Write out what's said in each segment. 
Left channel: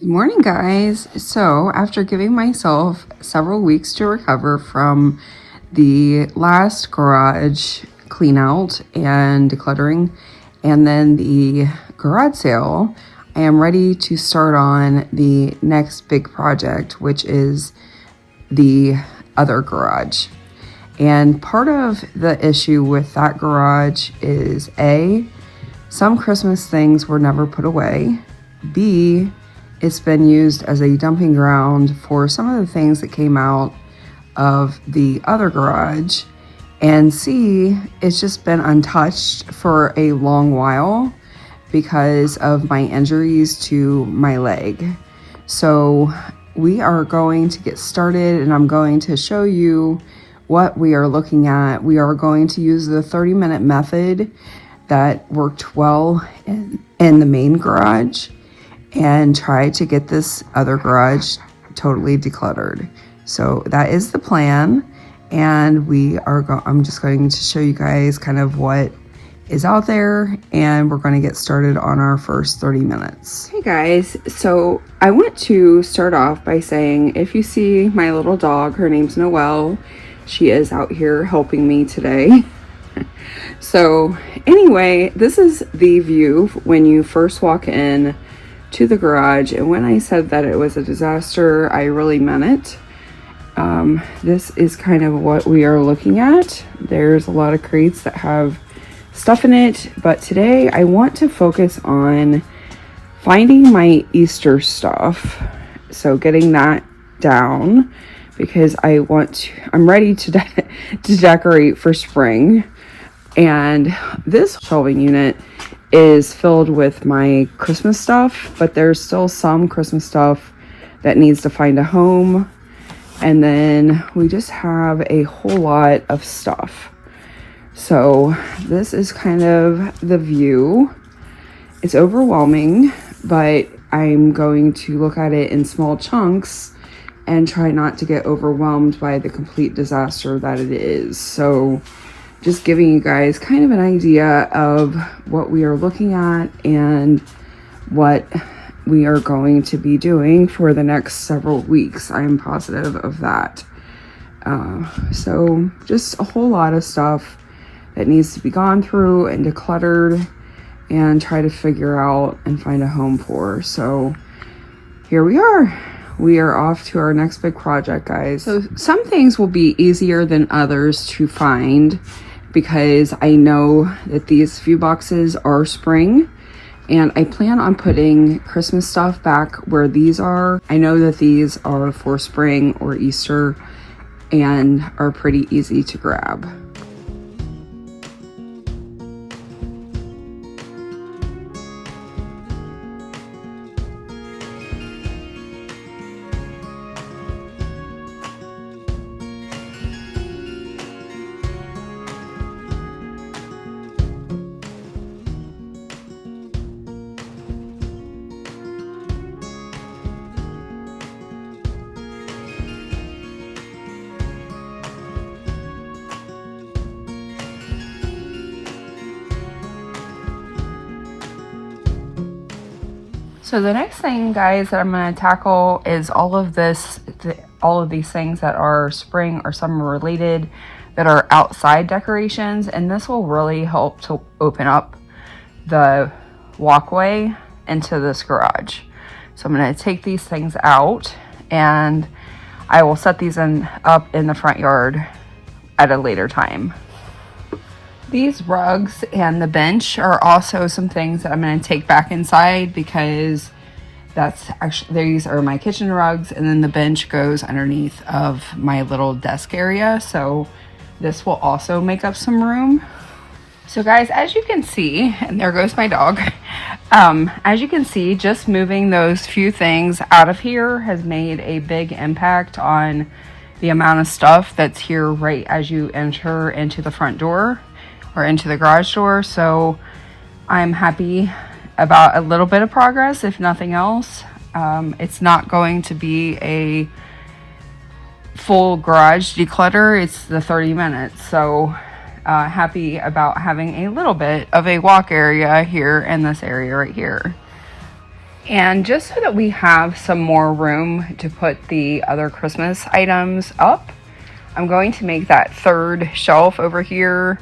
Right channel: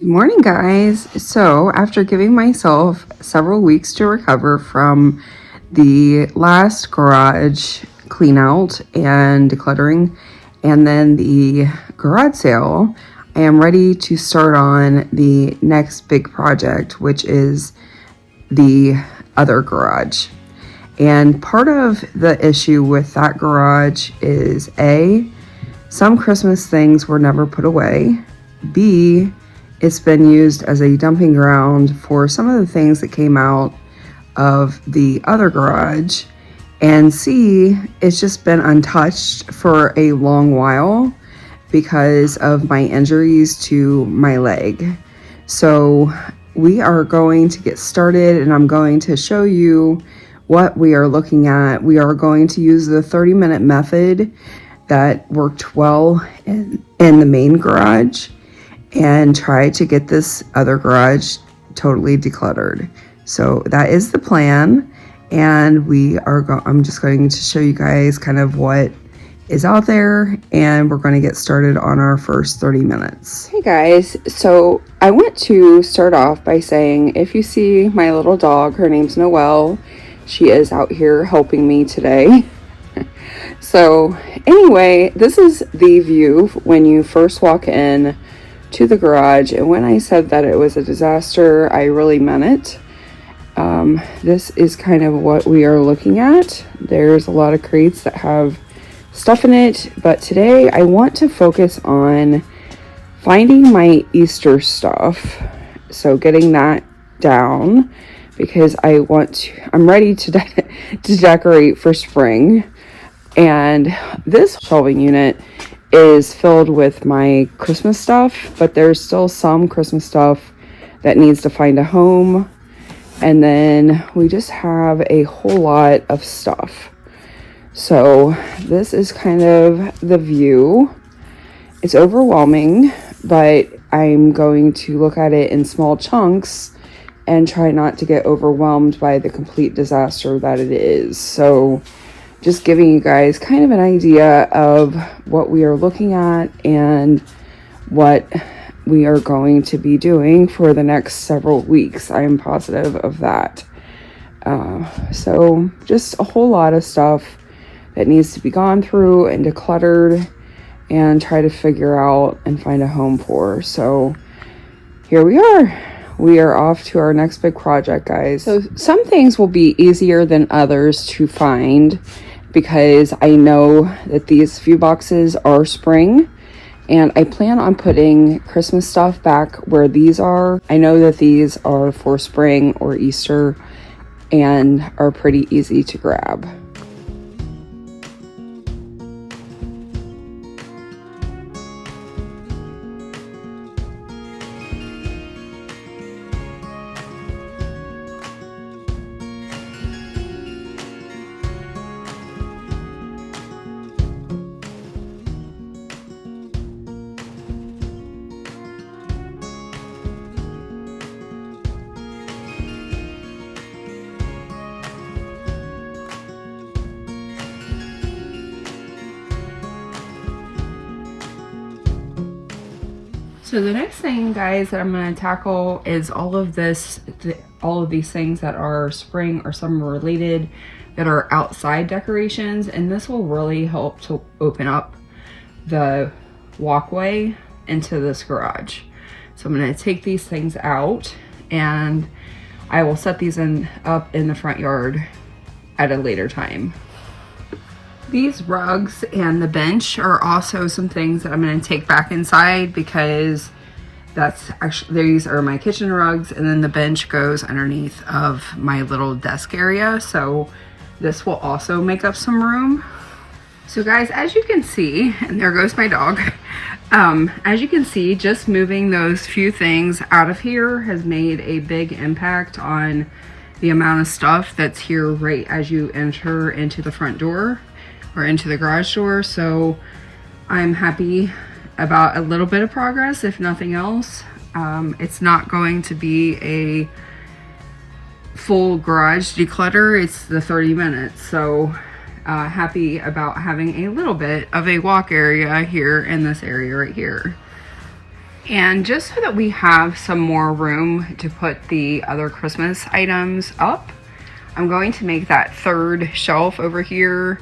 Good morning, guys. So after giving myself several weeks to recover from the last garage clean out and decluttering and then the garage sale, I am ready to start on the next big project, which is the other garage. And part of the issue with that garage is A, some Christmas things were never put away. B, it's been used as a dumping ground for some of the things that came out of the other garage. And C, it's just been untouched for a long while because of my injuries to my leg. So we are going to get started and I'm going to show you what we are looking at. We are going to use the 30-minute method that worked well in the main garage and try to get this other garage totally decluttered. So that is the plan, and I'm just going to show you guys kind of what is out there, and we're going to get started on our first 30 minutes. Hey guys, so I want to start off by saying, if you see my little dog, her name's Noelle, she is out here helping me today. So anyway, this is the view when you first walk in to the garage, and when I said that it was a disaster, I really meant it. This is kind of what we are looking at. There's a lot of crates that have stuff in it, but today I want to focus on finding my Easter stuff, so getting that down, because I'm ready to decorate for spring. And this shelving unit is filled with my Christmas stuff, but there's still some Christmas stuff that needs to find a home. And then we just have a whole lot of stuff. So this is kind of the view. It's overwhelming, but I'm going to look at it in small chunks and try not to get overwhelmed by the complete disaster that it is. So just giving you guys kind of an idea of what we are looking at and what we are going to be doing for the next several weeks. I am positive of that. So just a whole lot of stuff that needs to be gone through and decluttered and try to figure out and find a home for. So here we are. We are off to our next big project, guys. So some things will be easier than others to find, because I know that these few boxes are spring, and I plan on putting Christmas stuff back where these are. I know that these are for spring or Easter and are pretty easy to grab. So the next thing, guys, that I'm going to tackle is all of these things that are spring or summer related that are outside decorations, and this will really help to open up the walkway into this garage. So I'm going to take these things out and I will set these up in the front yard at a later time. These rugs and the bench are also some things that I'm going to take back inside, because these are my kitchen rugs, and then the bench goes underneath of my little desk area. So this will also make up some room. So guys, as you can see, and there goes my dog. As you can see, just moving those few things out of here has made a big impact on the amount of stuff that's here right as you enter into the front door or into the garage door. So I'm happy about a little bit of progress, if nothing else. It's not going to be a full garage declutter. It's the 30 minutes. So happy about having a little bit of a walk area here in this area right here. And just so that we have some more room to put the other Christmas items up, I'm going to make that third shelf over here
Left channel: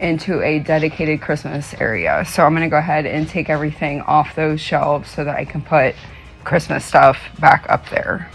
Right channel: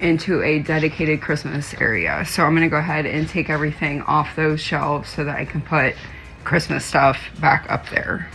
into a dedicated Christmas area. So I'm gonna go ahead and take everything off those shelves so that I can put Christmas stuff back up there.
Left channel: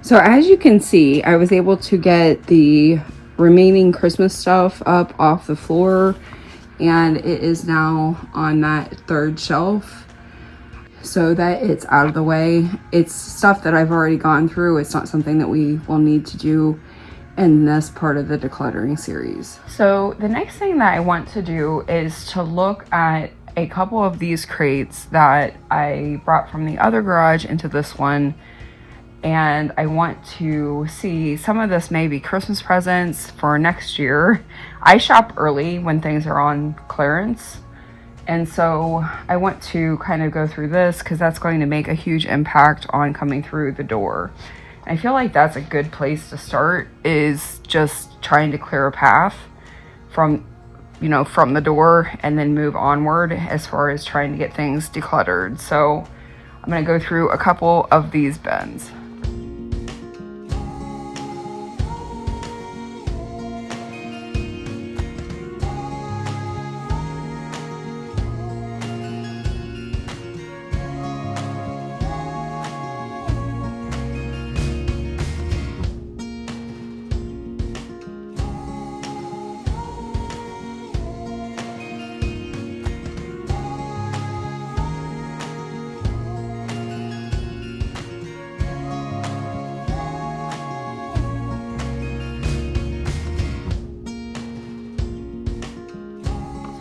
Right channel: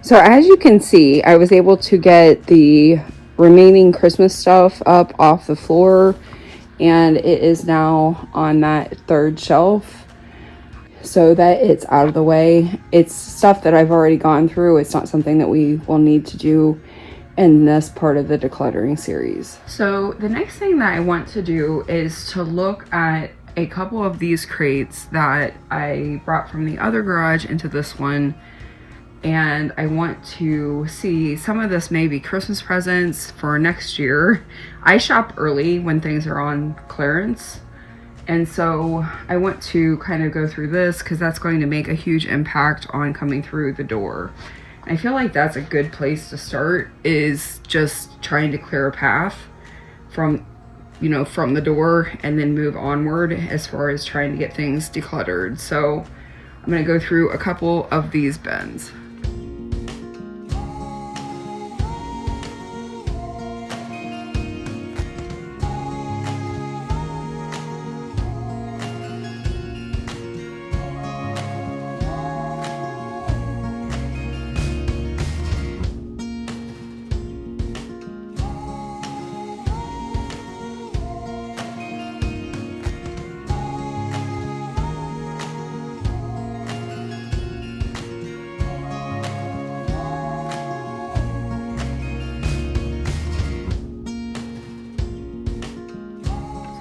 So as you can see, I was able to get the remaining Christmas stuff up off the floor, and it is now on that third shelf so that it's out of the way. It's stuff that I've already gone through. It's not something that we will need to do in this part of the decluttering series. So the next thing that I want to do is to look at a couple of these crates that I brought from the other garage into this one. And I want to see, some of this may be Christmas presents for next year. I shop early when things are on clearance. And so I want to kind of go through this because that's going to make a huge impact on coming through the door. I feel like that's a good place to start, is just trying to clear a path from, you know, from the door and then move onward as far as trying to get things decluttered. So I'm going to go through a couple of these bins.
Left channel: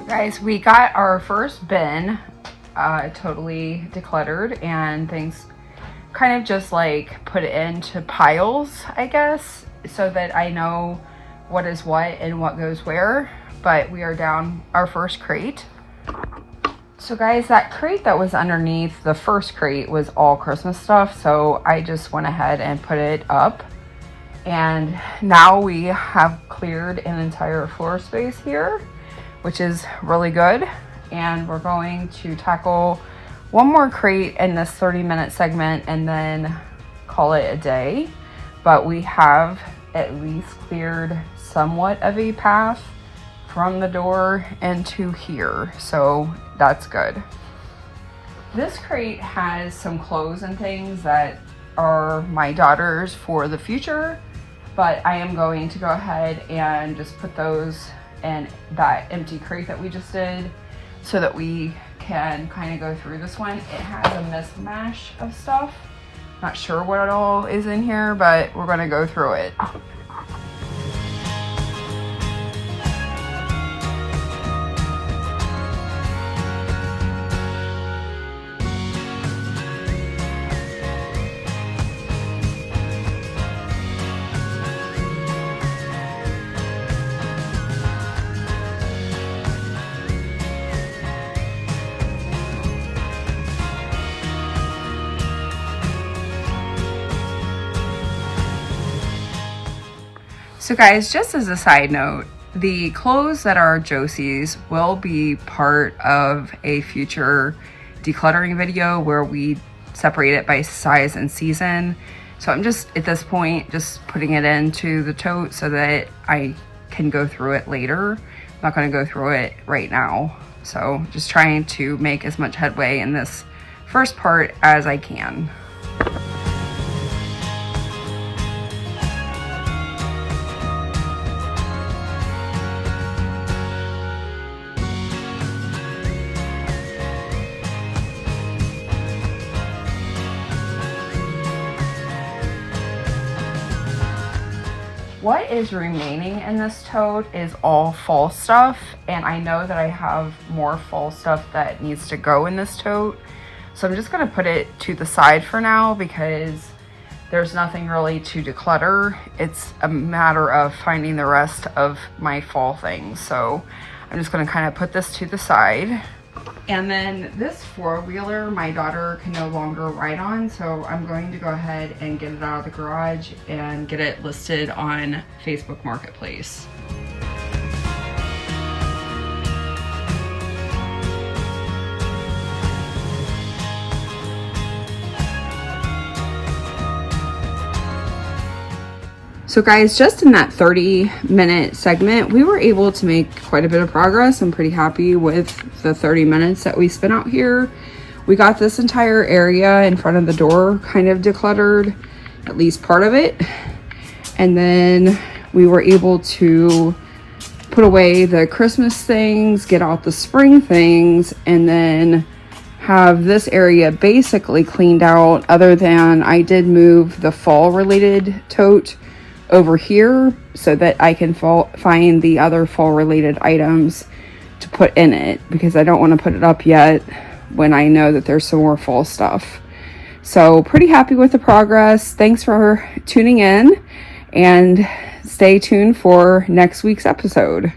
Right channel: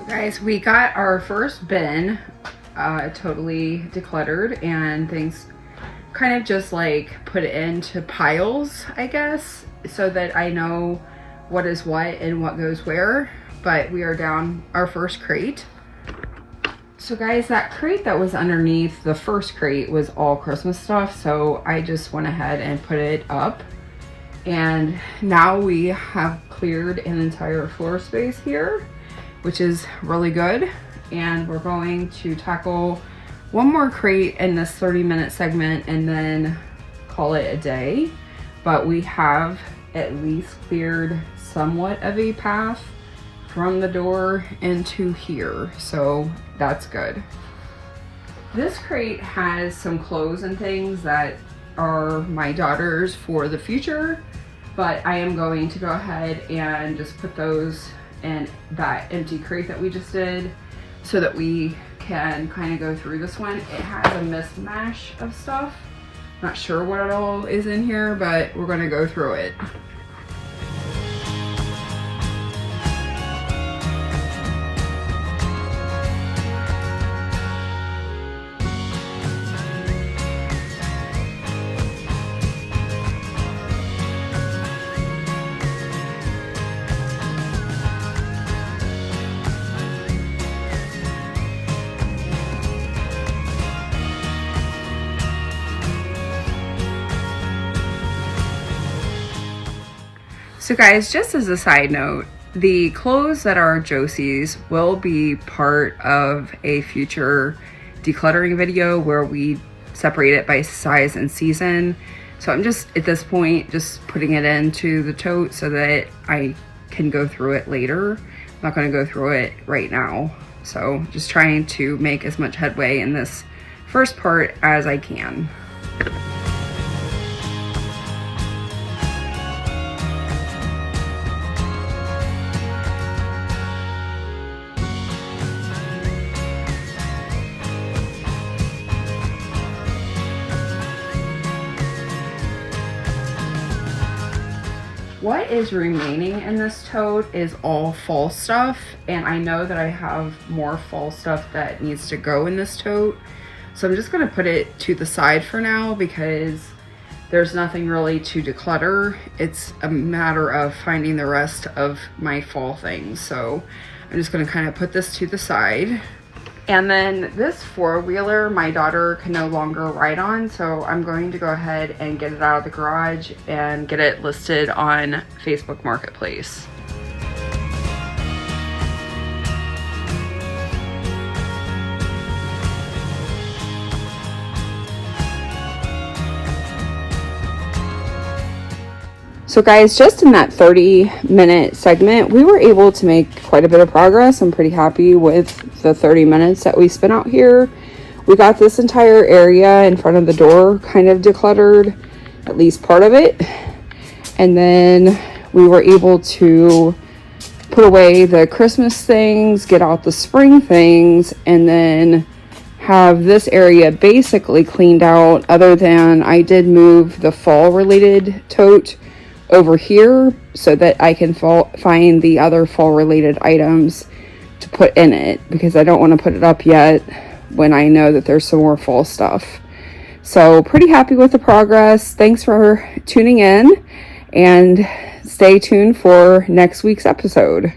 Guys, we got our first bin totally decluttered, and things kind of just like put it into piles, I guess, so that I know what is what and what goes where. But we are down our first crate. So guys, that crate that was underneath the first crate was all Christmas stuff, so I just went ahead and put it up. And now we have cleared an entire floor space here, which is really good. And we're going to tackle one more crate in this 30-minute segment and then call it a day. But we have at least cleared somewhat of a path from the door into here, so that's good. This crate has some clothes and things that are my daughter's for the future, but I am going to go ahead and just put those in that empty crate that we just did so that we can kind of go through this one. It has a mismatch of stuff. Not sure what it all is in here, but we're going to go through it. So guys, just as a side note, the clothes that are Josie's will be part of a future decluttering video where we separate it by size and season. So I'm just, at this point, just putting it into the tote so that I can go through it later. I'm not gonna go through it right now. So just trying to make as much headway in this first part as I can. What is remaining in this tote is all fall stuff, and I know that I have more fall stuff that needs to go in this tote. So I'm just gonna put it to the side for now because there's nothing really to declutter. It's a matter of finding the rest of my fall things. So I'm just gonna kind of put this to the side. And then this four-wheeler, my daughter can no longer ride on, so I'm going to go ahead and get it out of the garage and get it listed on Facebook Marketplace. So guys, just in that 30-minute segment, we were able to make quite a bit of progress. I'm pretty happy with the 30 minutes that we spent out here. We got this entire area in front of the door kind of decluttered, at least part of it. And then we were able to put away the Christmas things, get out the spring things, and then have this area basically cleaned out, other than I did move the fall related tote over here so that I can find the other fall related items to put in it, because I don't want to put it up yet when I know that there's some more fall stuff. So pretty happy with the progress. Thanks for tuning in, and stay tuned for next week's episode.